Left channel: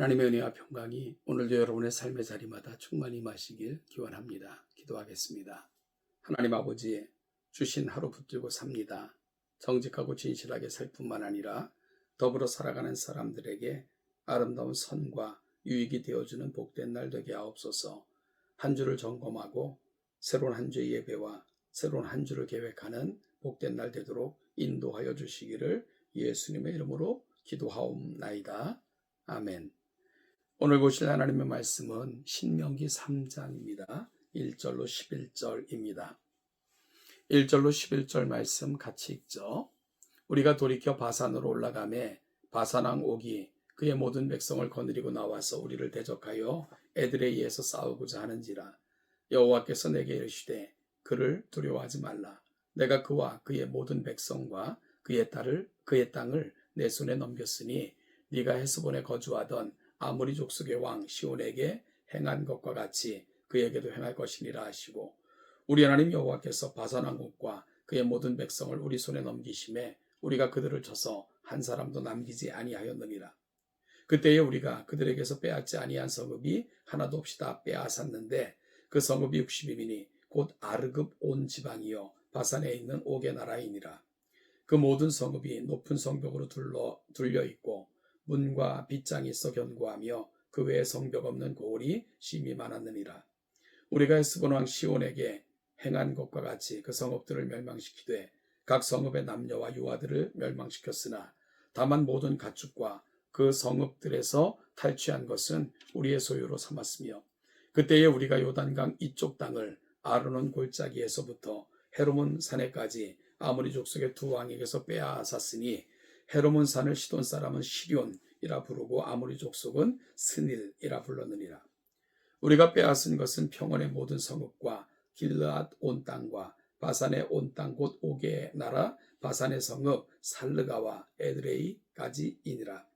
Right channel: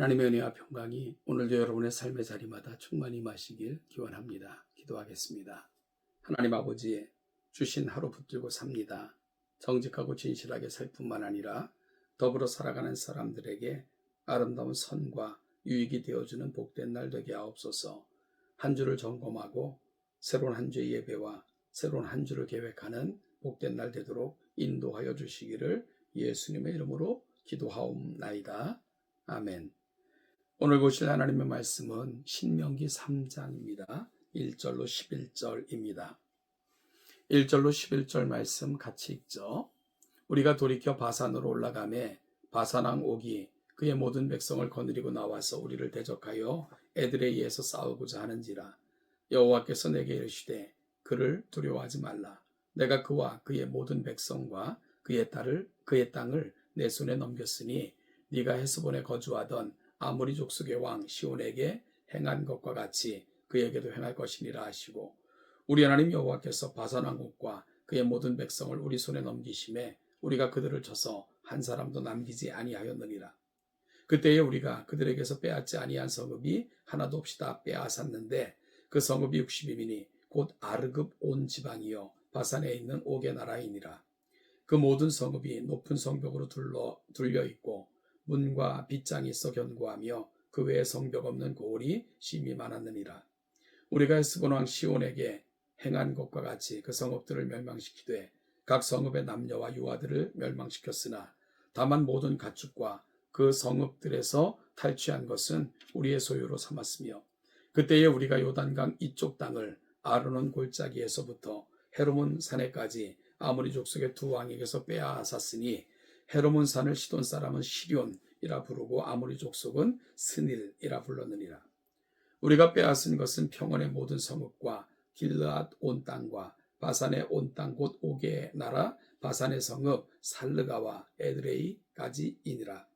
하나님의 은혜와 평강이 오늘도 여러분의 삶의 자리마다 충만히 임하시길 기원합니다. 기도하겠습니다. 하나님 아버지, 주신 하루 붙들고 삽니다. 정직하고 진실하게 살 뿐만 아니라 더불어 살아가는 사람들에게 아름다운 선과 유익이 되어주는 복된 날 되게 하옵소서. 한 주를 점검하고 새로운 한 주의 예배와 새로운 한 주를 계획하는 복된 날 되도록 인도하여 주시기를 예수님의 이름으로 기도하옵나이다. 아멘. 오늘 보실 하나님의 말씀은 신명기 3장입니다. 1절로 11절입니다. 1절로 11절 말씀 같이 읽죠. 우리가 돌이켜 바산으로 올라가매 바산왕 옥이 그의 모든 백성을 거느리고 나와서 우리를 대적하여 에드레이에서 싸우고자 하는지라. 여호와께서 내게 이르시되 그를 두려워하지 말라. 내가 그와 그의 모든 백성과 그의 땅을 내 손에 넘겼으니 네가 헤스본에 거주하던 아모리 족속의 왕 시온에게 행한 것과 같이 그에게도 행할 것이니라 하시고, 우리 하나님 여호와께서 바산 왕 옥과 그의 모든 백성을 우리 손에 넘기심에 우리가 그들을 쳐서 한 사람도 남기지 아니하였느니라. 그때에 우리가 그들에게서 빼앗지 아니한 성읍이 하나도 없이 다 빼앗았는데 그 성읍이 60이니 곧 아르급 온 지방이요 바산에 있는 옥의 나라이니라. 그 모든 성읍이 높은 성벽으로 둘려 있고 문과 빗장이 있어 견고하며 그 외에 성벽 없는 고을이 심히 많았느니라. 우리가 헤스본 왕 시온에게 행한 것과 같이 그 성읍들을 멸망시키되 각 성읍의 남녀와 유아들을 멸망시켰으나 다만 모든 가축과 그 성읍들에서 탈취한 것은 우리의 소유로 삼았으며, 그때에 우리가 요단강 이쪽 땅을 아르논 골짜기에서부터 헤르몬 산에까지 아모리 족속의 두 왕에게서 빼앗았으니 헤르몬 산을 시돈 사람은 시럇이라 부르고 아모리 족속은 스닐이라 불렀느니라. 우리가 빼앗은 것은 평원의 모든 성읍과 길르앗 온 땅과 바산의 온 땅 곧 옥의 나라 바산의 성읍 살르가와 에드레이까지이니라.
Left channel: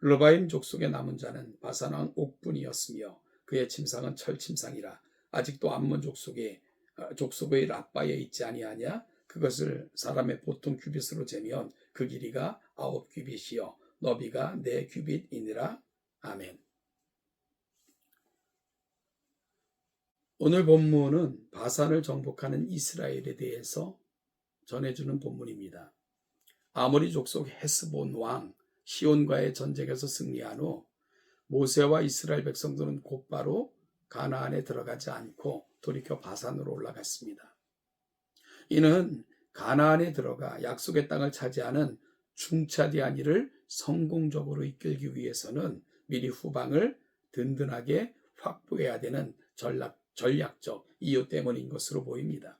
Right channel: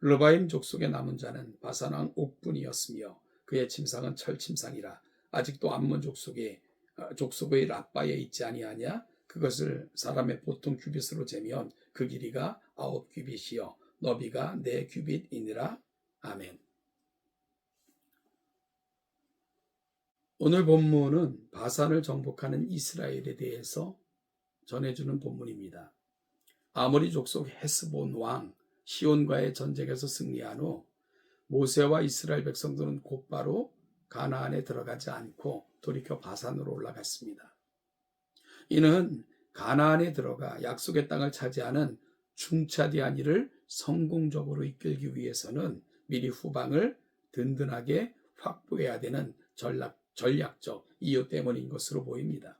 르바임 족속의 남은 자는 바산 왕 옥뿐이었으며 그의 침상은 철 침상이라. 아직도 암몬 족속의 라빠에 있지 아니하냐? 그것을 사람의 보통 규빗으로 재면 그 길이가 9규빗이요 너비가 4규빗이니라. 아멘. 오늘 본문은 바산을 정복하는 이스라엘에 대해서 전해주는 본문입니다. 아모리 족속 헤스본 왕 시온과의 전쟁에서 승리한 후 모세와 이스라엘 백성들은 곧바로 가나안에 들어가지 않고 돌이켜 바산으로 올라갔습니다. 이는 가나안에 들어가 약속의 땅을 차지하는 중차대한 일을 성공적으로 이끌기 위해서는 미리 후방을 든든하게 확보해야 되는 전략적 이유 때문인 것으로 보입니다.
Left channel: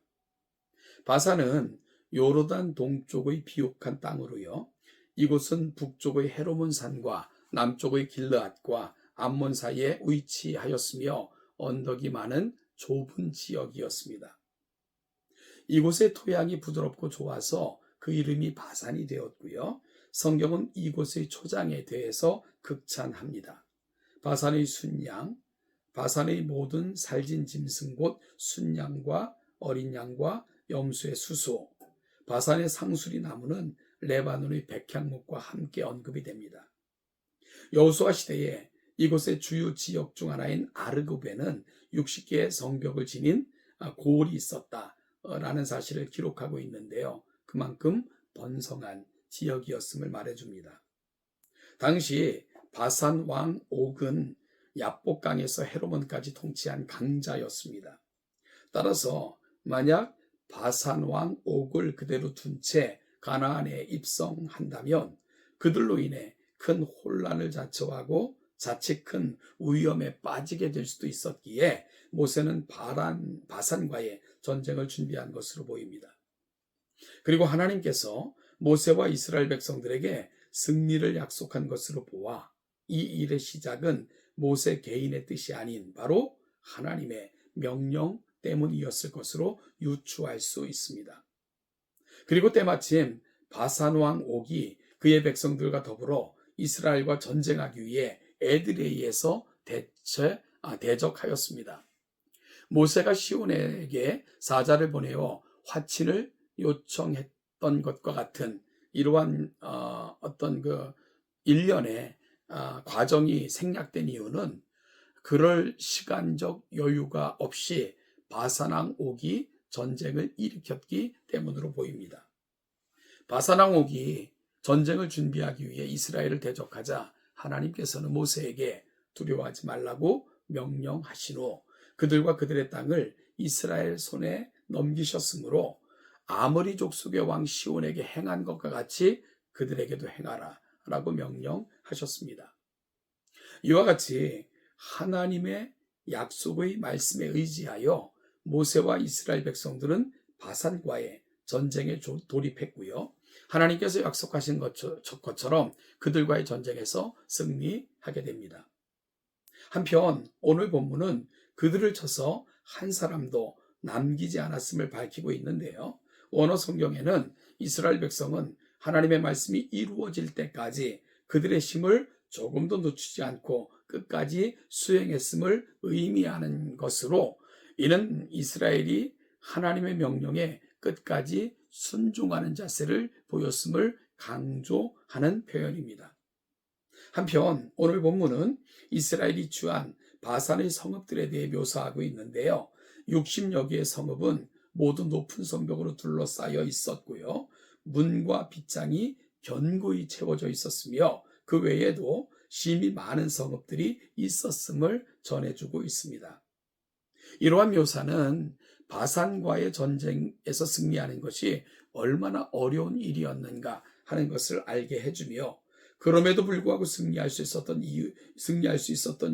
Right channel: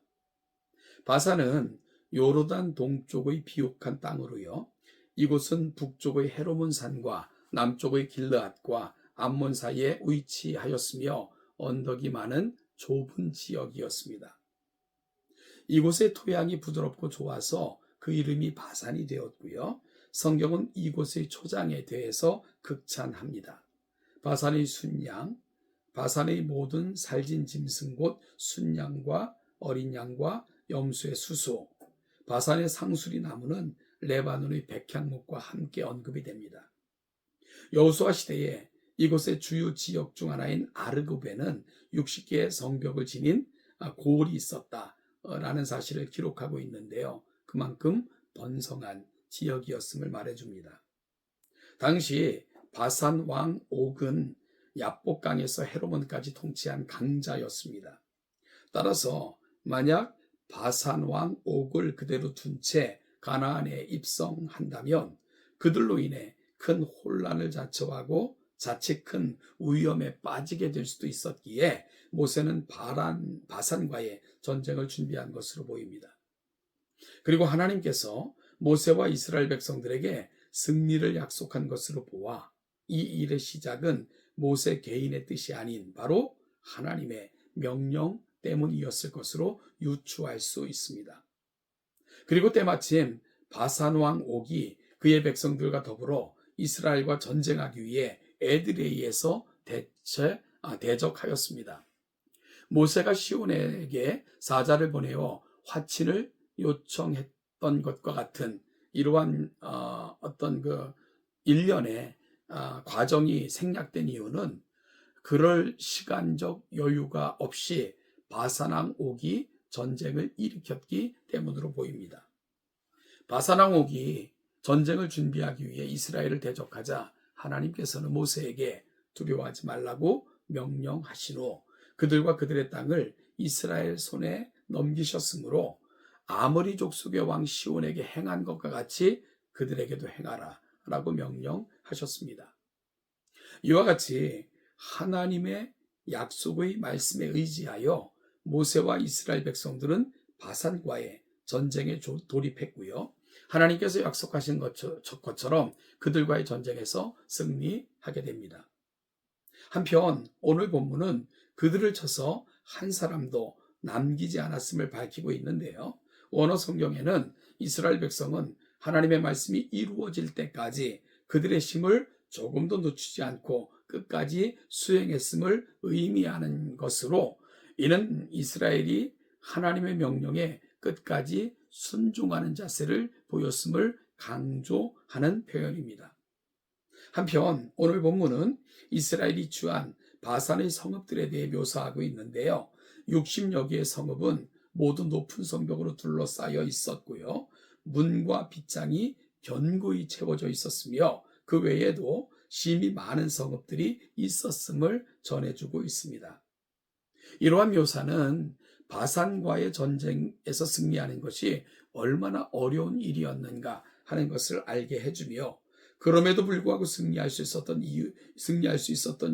바산은 요르단 동쪽의 비옥한 땅으로요. 이곳은 북쪽의 헤르몬 산과 남쪽의 길르앗과 암몬 사이에 위치하였으며 언덕이 많은 좁은 지역이었습니다. 이곳의 토양이 부드럽고 좋아서 그 이름이 바산이 되었고요. 성경은 이곳의 초장에 대해서 극찬합니다. 바산의 순양, 바산의 모든 살진 짐승 곧 순양과 어린 양과 염소의 수소, 바산의 상수리 나무는 레바논의 백향목과 함께 언급이 됩니다. 여호수아 시대에 이곳의 주요 지역 중 하나인 아르고베는 60개의 성벽을 지닌 고을이 있었다라는 사실을 기록하고 있는데요. 그만큼 번성한 지역이었음을 말해줍니다. 당시 바산 왕 옥은 야복강에서 헤르몬까지 통치한 강자였습니다. 따라서 만약 바산 왕 옥을 그대로 둔 채 가나안에 입성한다면 그들로 인해 큰 혼란을 자초하고 자칫 큰 위험에 빠지게 될 수도 있었기에 모세는 바산과의 전쟁을 준비한 것으로 보입니다. 그리고 하나님께서 모세와 이스라엘 백성들에게 승리를 약속한 것으로 보아 이 일의 시작은 모세 개인의 뜻이 아닌 바로 하나님의 명령 때문이었을 것으로 유추할 수 있습니다. 그리고 때마침 바산 왕 옥이 그의 백성들과 더불어 이스라엘과 전쟁하기 위해 에드레이에서 대적하였습니다. 모세가 시온에게 사자를 보내어 화친을 요청했던 것과 같은 이러한 어떤 그 일련의 과정이 생략된 이유는 그럴 시간적 여유가 없이 바산왕 옥이 전쟁을 일으켰기 때문으로 보입니다. 바산왕 옥이 전쟁을 준비하기 위해 이스라엘을 대적하자 하나님께서는 모세에게 두려워하지 말라고 명령하신 후 그들과 그들의 땅을 이스라엘 손에 넘기셨으므로 아모리 족속의 왕 시온에게 행한 것과 같이 그들에게도 행하라 라고 명령하셨습니다. 이와 같이 하나님의 약속의 말씀에 의지하여 모세와 이스라엘 백성들은 바산과의 전쟁에 돌입했고요. 하나님께서 약속하신 것처럼 그들과의 전쟁에서 승리하게 됩니다. 한편 오늘 본문은 그들을 쳐서 한 사람도 남기지 않았음을 밝히고 있는데요. 원어 성경에는 이스라엘 백성은 하나님의 말씀이 이루어질 때까지 그들의 힘을 조금도 늦추지 않고 끝까지 수행했음을 의미하는 것으로 이는 이스라엘이 하나님의 명령에 끝까지 순종하는 자세를 보였음을 강조하는 표현입니다. 한편 오늘 본문은 이스라엘이 취한 바산의 성읍들에 대해 묘사하고 있는데요. 60여 개의 성읍은 모두 높은 성벽으로 둘러싸여 있었고요. 문과 빗장이 견고히 채워져 있었으며 그 외에도 심히 많은 성읍들이 있었음을 전해주고 있습니다. 이러한 묘사는 바산과의 전쟁에서 승리하는 것이 얼마나 어려운 일이었는가 하는 것을 알게 해주며 그럼에도 불구하고 승리할 수 있었던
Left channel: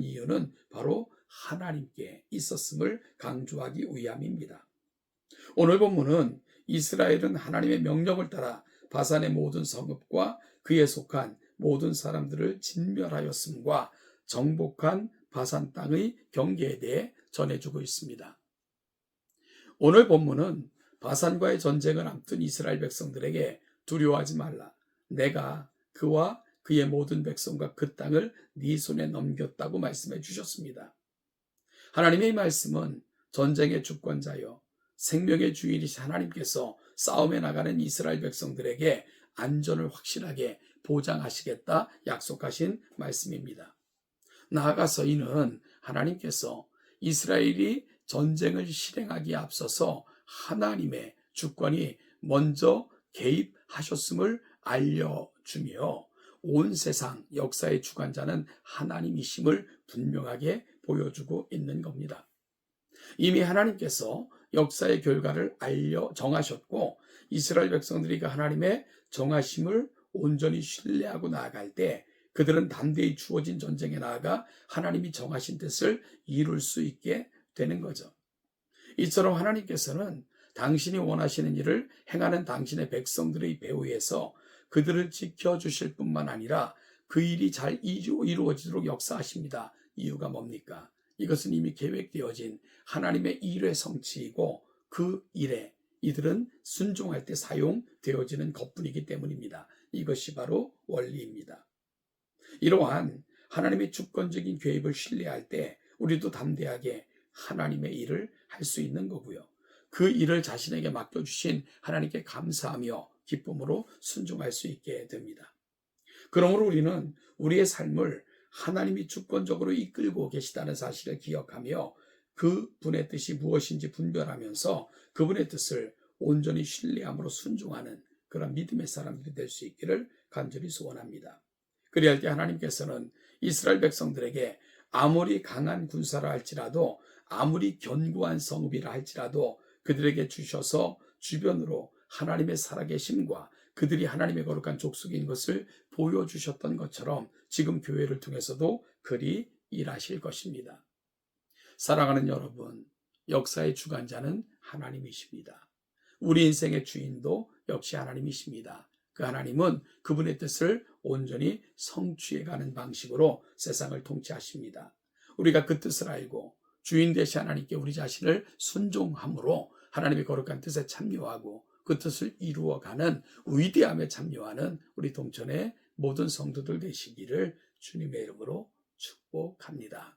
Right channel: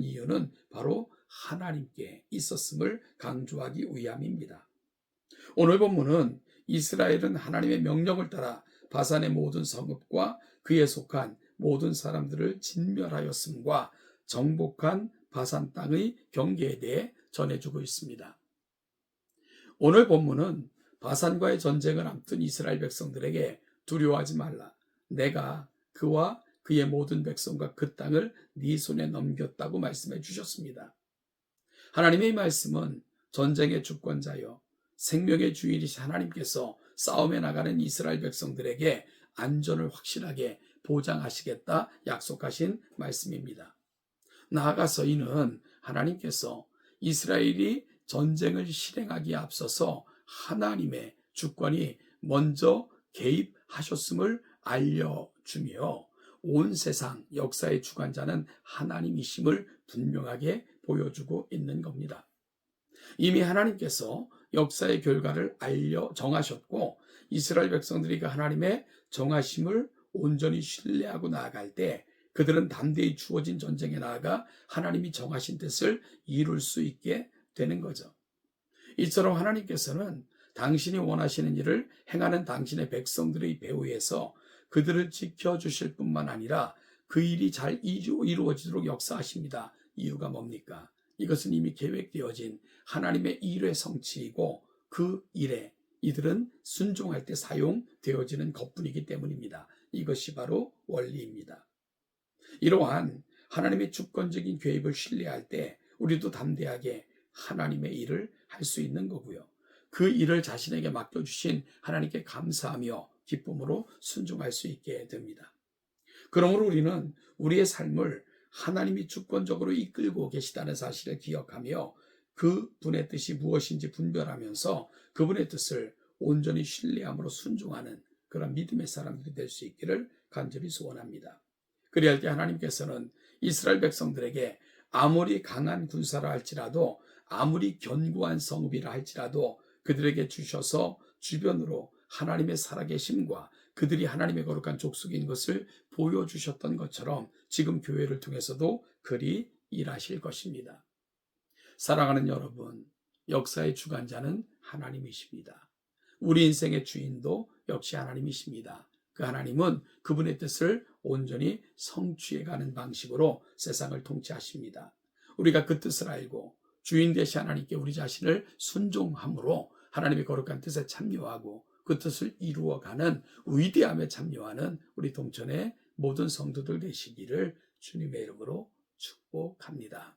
이유는 바로 하나님께 있었음을 강조하기 위함입니다. 오늘 본문은 이스라엘은 하나님의 명령을 따라 바산의 모든 성읍과 그에 속한 모든 사람들을 진멸하였음과 정복한 바산 땅의 경계에 대해 전해주고 있습니다. 오늘 본문은 바산과의 전쟁을 앞둔 이스라엘 백성들에게 두려워하지 말라. 내가 그와 그의 모든 백성과 그 땅을 네 손에 넘겼다고 말씀해 주셨습니다. 하나님의 말씀은 전쟁의 주권자여 생명의 주인이신 하나님께서 싸움에 나가는 이스라엘 백성들에게 안전을 확실하게 보장하시겠다 약속하신 말씀입니다. 나아가서 이는 하나님께서 이스라엘이 전쟁을 실행하기에 앞서서 하나님의 주권이 먼저 개입하셨음을 알려주며 온 세상 역사의 주관자는 하나님이심을 분명하게 보여주고 있는 겁니다. 이미 하나님께서 역사의 결과를 정하셨고 이스라엘 백성들이 그 하나님의 정하심을 온전히 신뢰하고 나아갈 때 그들은 담대히 주어진 전쟁에 나아가 하나님이 정하신 뜻을 이룰 수 있게 되는 거죠. 이처럼 하나님께서는 당신이 원하시는 일을 행하는 당신의 백성들의 배후에서 그들을 지켜주실 뿐만 아니라 그 일이 잘 이루어지도록 역사하십니다. 이유가 뭡니까? 이것은 이미 계획되어진 하나님의 일의 성취이고 그 일에 이들은 순종할 때 사용되어지는 것뿐이기 때문입니다. 이것이 바로 원리입니다. 이러한 하나님의 주권적인 계획을 신뢰할 때 우리도 담대하게 하나님의 일을 할 수 있는 거고요. 그 일을 자신에게 맡겨주신 하나님께 감사하며 기쁨으로 순종할 수 있게 됩니다. 그러므로 우리는 우리의 삶을 하나님이 주권적으로 이끌고 계시다는 사실을 기억하며 그 분의 뜻이 무엇인지 분별하면서 그분의 뜻을 온전히 신뢰함으로 순종하는 그런 믿음의 사람들이 될 수 있기를 간절히 소원합니다. 그리할 때 하나님께서는 이스라엘 백성들에게 아무리 강한 군사라 할지라도 아무리 견고한 성읍이라 할지라도 그들에게 주셔서 주변으로 하나님의 살아계심과 그들이 하나님의 거룩한 족속인 것을 보여주셨던 것처럼 지금 교회를 통해서도 그리 일하실 것입니다. 사랑하는 여러분, 역사의 주관자는 하나님이십니다. 우리 인생의 주인도 역시 하나님이십니다. 그 하나님은 그분의 뜻을 온전히 성취해가는 방식으로 세상을 통치하십니다. 우리가 그 뜻을 알고 주인 되신 하나님께 우리 자신을 순종함으로 하나님의 거룩한 뜻에 참여하고 그 뜻을 이루어가는 위대함에 참여하는 우리 동천의 모든 성도들 되시기를 주님의 이름으로 축복합니다.